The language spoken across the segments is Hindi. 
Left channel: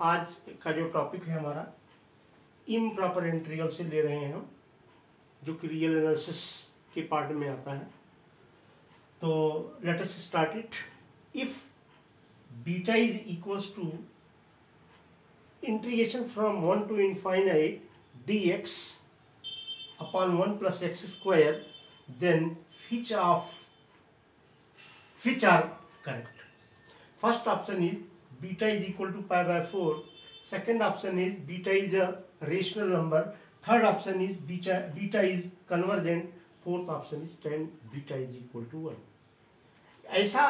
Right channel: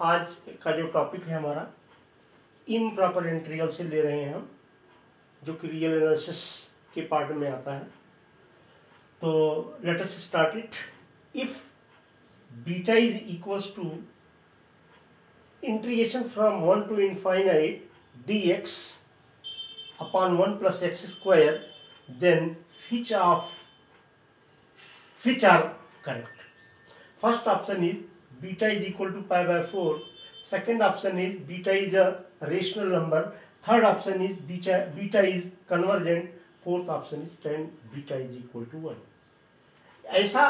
आज का जो टॉपिक है हमारा इम्प्रॉपर इंटीग्रल से ले रहे हैं हम, जो कि रियल एनालिसिस के पार्ट में आता है। तो let us start it. If beta is equals to integration from 1 to infinite dx upon 1 plus x square, then which are correct? First option is beta is equal to pi by 4. Second option is beta is a rational number. Third option is beta is convergent. Fourth option is tan beta is equal to 1. ऐसा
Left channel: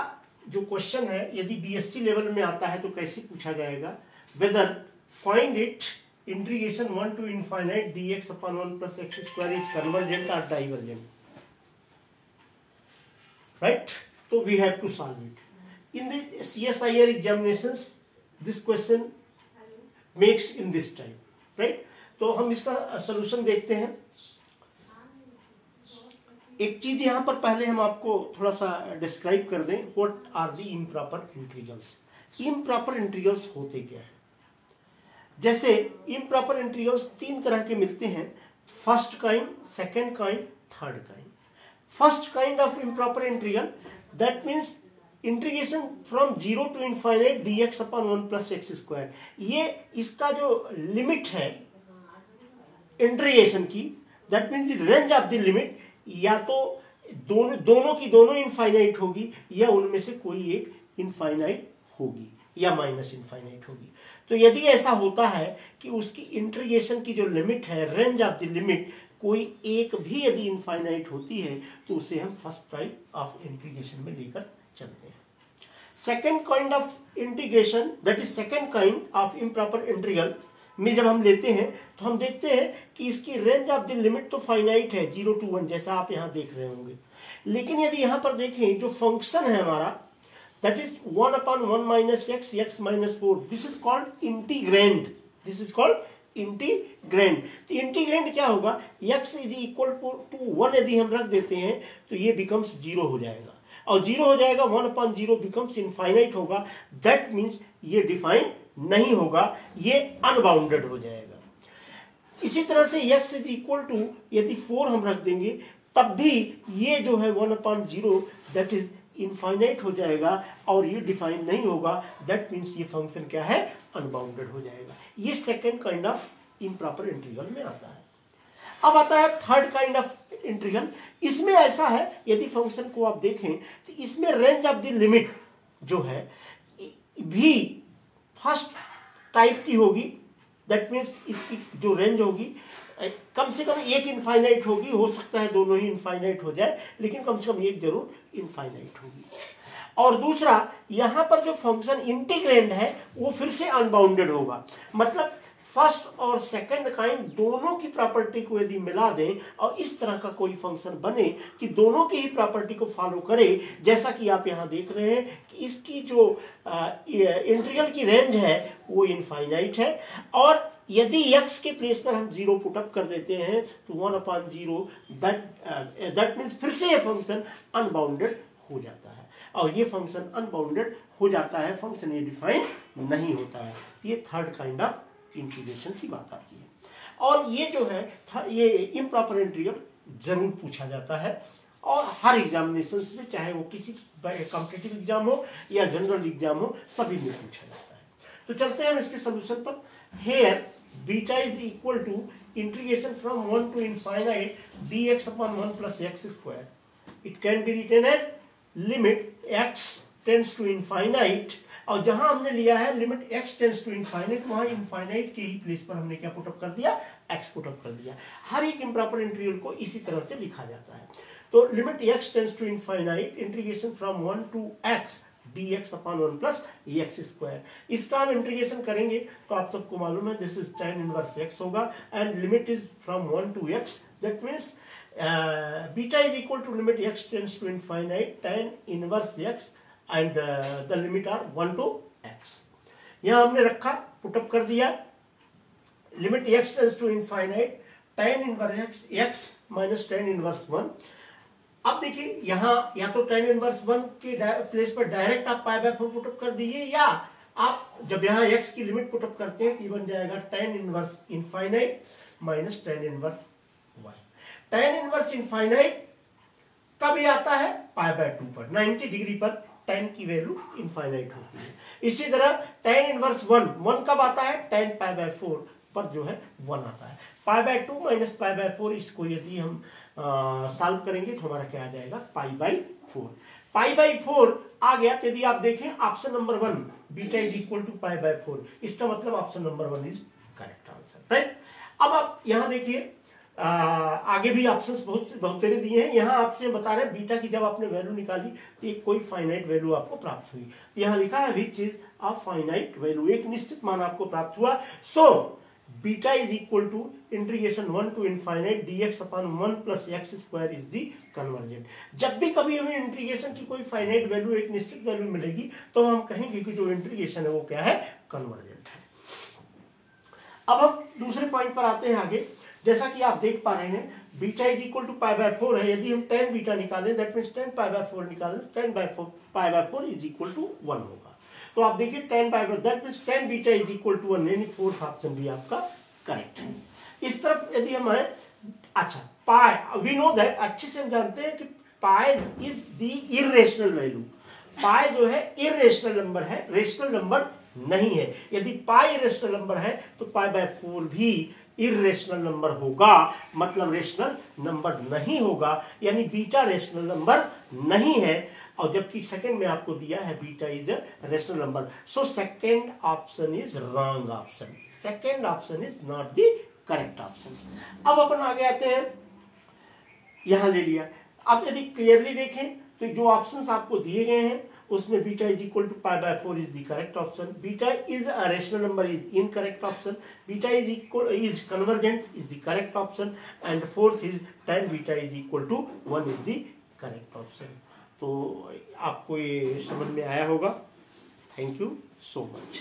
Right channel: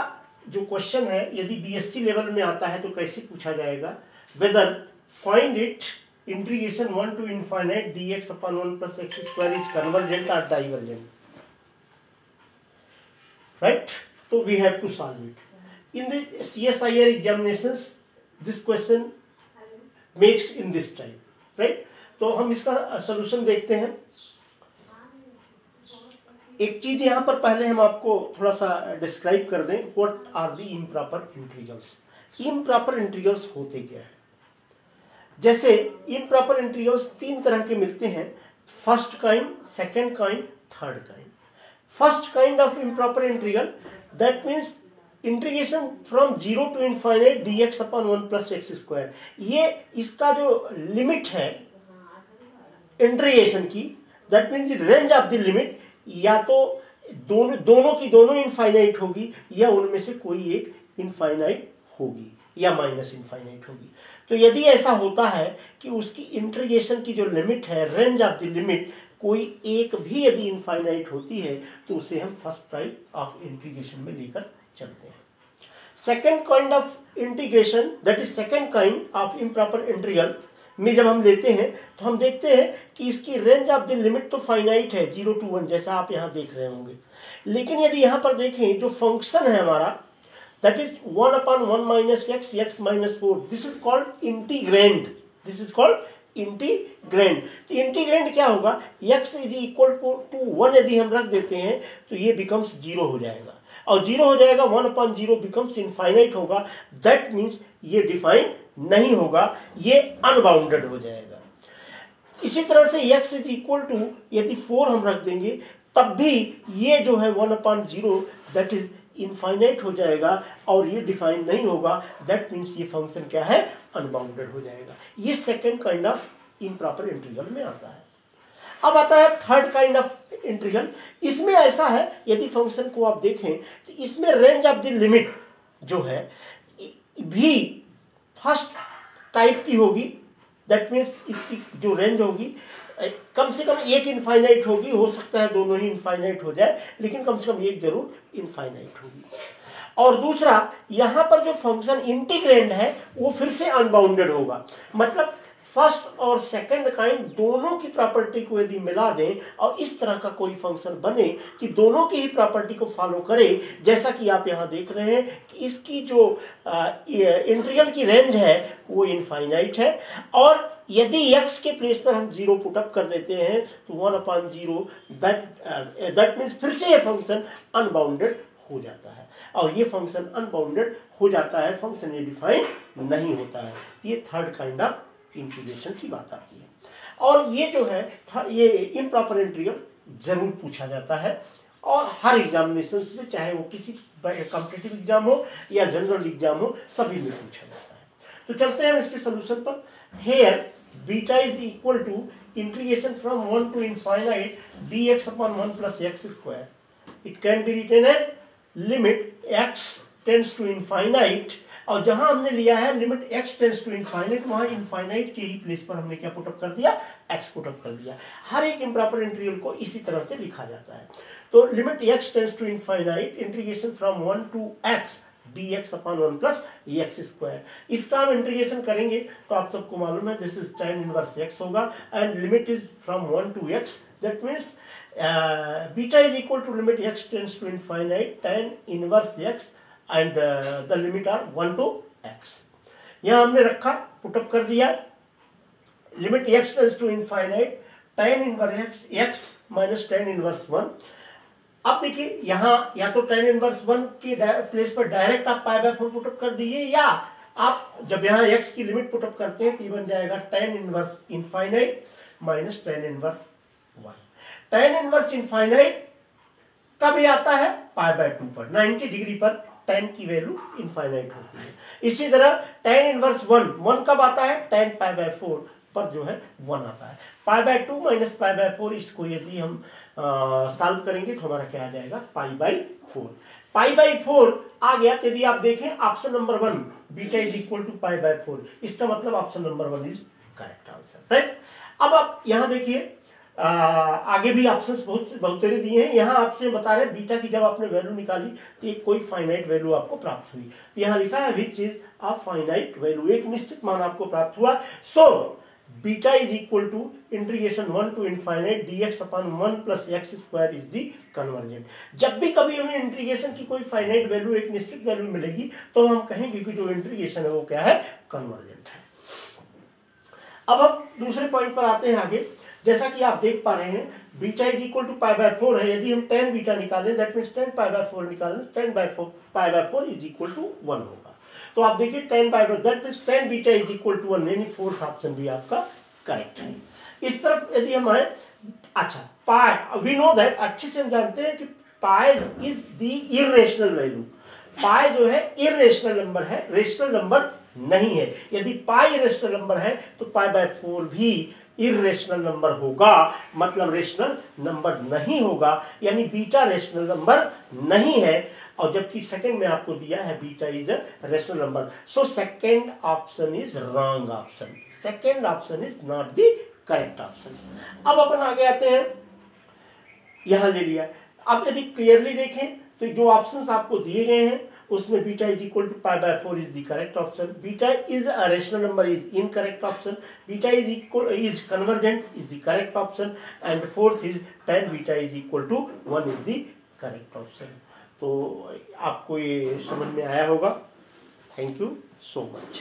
जो क्वेश्चन है यदि बीएससी लेवल में आता है तो कैसे पूछा जाएगा? Whether find it integration 1 to infinite dx upon 1 plus x square is convergent or divergent, right? So we have to solve it. In the CSIR examinations this question makes in this time, right? तो हम इसका सोल्यूशन देखते हैं। एक चीज यहां पर पहले हम आपको थोड़ा सा डिस्क्राइब कर दें, what are the improper integrals. Improper integrals होते क्या है? जैसे इम्प्रॉपर इंटीग्रल्स तीन तरह के मिलते हैं, first kind, second kind, third kind. First kind of improper integral that means integration from 0 to infinite dx upon 1 plus x square। ये इसका जो लिमिट है इंटीग्रेशन की, that means range of the limit या तो दोनों की दोनों इनफाइनाइट होगी या उनमें से कोई एक इनफाइनाइट होगी या माइनस इनफाइनाइट होगी। तो यदि ऐसा होता है कि उसकी इंटीग्रेशन की जो लिमिट है, रेंज ऑफ द लिमिट, कोई एक भी यदि इनफाइनाइट होती है तो उसे हम फर्स्ट टाइप ऑफ इंटीग्रेशन में लेकर चलते हैं। Second kind of integration that is second kind of improper integral में जब हम लेते हैं तो हम देखते हैं कि इसकी रेंज ऑफ द लिमिट तो फाइनाइट है 0 to 1, जैसा आप यहां देख रहे होंगे। लेकिन यदि यहां पर देखें जो फंक्शन है हमारा that is 1 upon 1 minus x, x minus 4, this is called integrand. This is called integrand. तो इंटीग्रैंड क्या होगा? x इज इक्वल टू 1 यदि हम रख देते हैं तो ये बिकम्स 0 हो जाएगा, और 0 हो जाएगा 1 upon 0 बिकम्स इनफाइनाइट होगा। दैट मीन्स ये डिफाइन नहीं होगा, ये अनबाउंडेड हो जाएगा। इसी तरह से x इज इक्वल टू यदि 4 हम रख देंगे तब भी ये जो है 1 upon 0 दैट इज इनफाइनाइट हो जाएगा और ये डिफाइन नहीं होगा। दैट मीन्स ये फंक्शन क्या है? अनबाउंडेड हो जाएगा। ये second kind of improper integral में आता है। अब आता है थर्ड काइंड ऑफ इंटीग्रल। इसमें ऐसा है यदि फंक्शन को आप देखें तो इसमें रेंज ऑफ द लिमिट जो है भी फर्स्ट टाइप की होगी। दैट मीन्स इसकी जो रेंज होगी कम से कम एक इनफाइनाइट होगी, हो सकता है दोनों ही इनफाइनाइट हो जाए, लेकिन कम से कम एक जरूर इनफाइनाइट होगी। और दूसरा, यहां पर जो फंक्शन इंटीग्रैंड है वो फिर से अनबाउंडेड होगा। मतलब फर्स्ट और सेकंड काइंड दोनों की प्रॉपर्टी को यदि मिला दें और इस तरह का कोई फंक्शन बने कि दोनों की ही प्रॉपर्टी को फॉलो करे, जैसा कि आप यहां देख रहे हैं कि इसकी जो इंटीग्रल की रेंज है वो इनफाइनाइट है, और यदि x के प्लेस पर हम 0 पुट अप कर देते हैं तो 1 upon 0 दैट मीन्स फिर से ये फंक्शन अनबाउंडेड हो जाता है, और ये फंक्शन अनबाउंडेड हो जाता है, फंक्शन ये डिफाइन नहीं होता है। ये थर्ड काइंड ऑफ इंटीग्रेशन की बात आती है। और ये जो है ये इम्प्रॉपर इंटीग्रल जरूर पूछा जाता है, और हर एग्जामिनेशन में, चाहे वो किसी कॉम्पिटिटिव एग्जाम हो या जनरल एग्जाम हो, सभी में पूछा जाता है। तो चलते हैं इसके सोल्यूशन पर। Here beta is equal to integration from 1 to infinite dx upon 1 plus x square. It can be written as limit x tends to infinite, और जहां हमने लिया है limit x tends to infinite, वहां इनफाइनाइट के ही प्लेस पर हमने क्या पुटअप कर दिया? x पुटअप कर दिया। हर एक इम्प्रॉपर इंटीग्रल को इसी तरह से लिखा जाता है। तो limit x tends to infinite integration from 1 to x dx upon 1 plus x square। इसका हम इंटीग्रेशन करेंगे तो आप सबको मालूम है this is tan inverse x होगा, and limit is from 1 to x, that means beta is equal to limit x tends to infinite tan inverse x and the limit are 1 to x। यहां हमने रखा, पुटअप कर दिया, limit x tends to infinite tan inverse x minus tan inverse 1। अब देखिए यहां या तो tan इनवर्स 1 के प्लेस पर डायरेक्ट आप पाई बाय 4 पुटअप कर दीजिए, या आप जब यहाँ x की लिमिट पुटअप करते हैं तो ये बन जाएगा tan inverse infinite minus tan inverse 1। tan inverse infinite कब आता है? π/2 पर 90 डिग्री पर tan की वैल्यू इनफाइनाइट होती है। इसी तरह tan इनवर्स 1 कब आता है? tan π/4 पर जो है 1 आता है। π/2 माइनस π/4 इसको यदि हम सॉल्व करेंगे तो हमारा क्या आ जाएगा? π/4। π/4 आ गया। यदि आप देखें option number 1 beta is equal to π/4, इसका मतलब option number 1 is correct answer, right. अब आप यहां देखिए आगे भी ऑप्शंस बहुत सारे दिए हैं। यहाँ आपसे बता रहे हैं बीटा की जब आपने वैल्यू निकाली तो एक कोई फाइनाइट वैल्यू आपको प्राप्त हुई। तो यहाँ लिखा है which is a finite value, एक निश्चित मान आपको प्राप्त हुआ। So beta is equal to integration 1 to infinite dx upon 1 plus x square is the convergent. जब भी कभी हमें इंटीग्रेशन की कोई फाइनाइट वैल्यू, एक निश्चित वैल्यू मिलेगी तो हम कहेंगे कि जो इंटीग्रेशन है वो क्या है? कन्वर्जेंट है। अब हम दूसरे पॉइंट पर आते हैं आगे। जैसा कि आप देख पा रहे हैं बीटा इज इक्वल टू π/4 है। यदि हम tan बीटा निकालें दैट मींस tan π/4 निकालें, tan π/4 इज इक्वल टू 1 होगा। तो आप देखिए tan π/4 that means tan beta is equal to 1, यानी फोर्थ ऑप्शन भी आपका करेक्ट है। इस तरफ यदि हम आए, अच्छा पाई वी नो दैट, अच्छे से हम जानते हैं कि pi is the irrational value. Pi जो है इरेशनल नंबर है, रेशनल नंबर नहीं है। यदि पाई इरेशनल नंबर है तो π/4 भी इरेशनल नंबर होगा, मतलब रेशनल नंबर नहीं होगा, यानी बीटा रेशनल नंबर नहीं है। और जबकि सेकंड में आपको दिया है beta is a rational number, so second option is wrong option. Second option is not the correct option. अब अपन आगे आते हैं, यहां ले लिया। अब यदि क्लियरली देखें तो जो ऑप्शंस आपको दिए गए हैं उसमें beta is equal to π/4 is the correct option, beta is a rational number is incorrect option, beta is equal is convergent is the correct option, and fourth is tan beta is equal to 1 is the correct option. तो आपको ये समझ में आया होगा। Thank you so much.